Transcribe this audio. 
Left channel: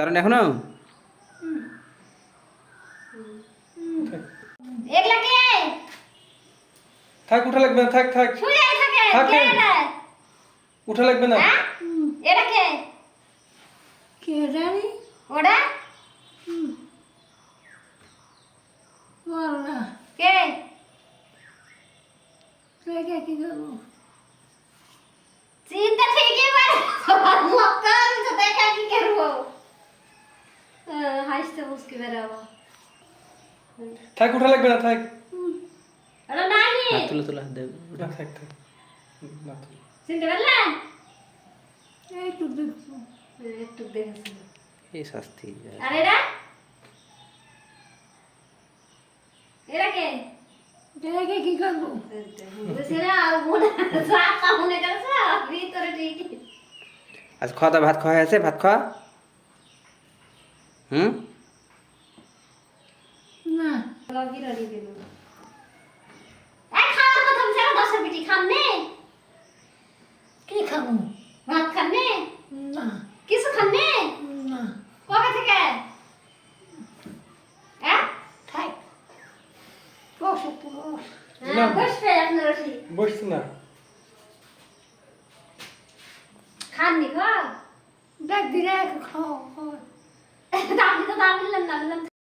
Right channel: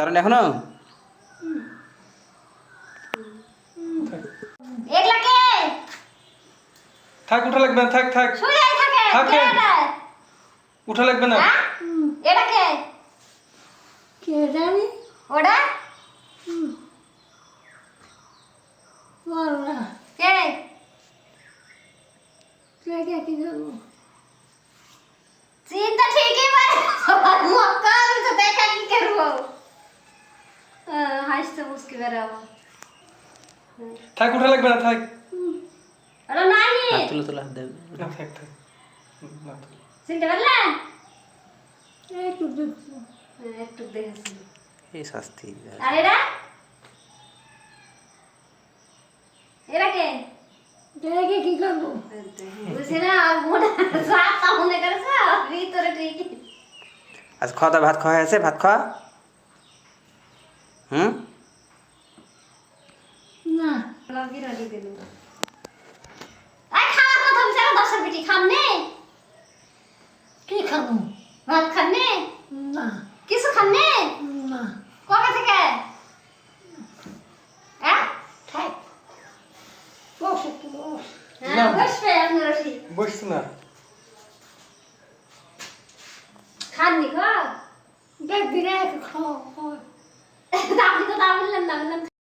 তার এখনো একলা কে থাক, উঠা লাগবে না, থাক থাক শুয়েই থাকে থাকেন। কে এটা? উঠা লাগবে না। হ্যাঁ? এটা কে কে জানি ওটা বললা কে কে কি করবো চিন্তা ঠিকই পারে মক্কা আমি তো দেখা কি করবো হাসতে মুস্কি বেরাবো থাক, উঠা লাগবে না, থাক। আরে নানি হাত তুলে তুলে হাত দেন না, থাক থাক না, থাক। চিনতে পারলেন একটু দেখবো একটু দেখেছি এই শাস্তি আর এরা এরা কে দেখে কি করবো বুঝলে আর মনে সাতা মনে করেছে ভিতরে ঠিকই আজ খাওয়া দাওয়া ভাত খাওয়া হয়েছে ভাত খাওয়া না লগি রড়ি দিল আই খাওয়ার কথা বলছে দশের বিটি খান নে কি খাবো ভাত খান নে না কিছু খান নে না কবে থেকে হ্যাঁ থাক বস একটু বস বসবে আপনারা ঠিক বসছে না। খাননি খাও দেখ দিনে খাও আপনি তো দাম বললেন না বললেন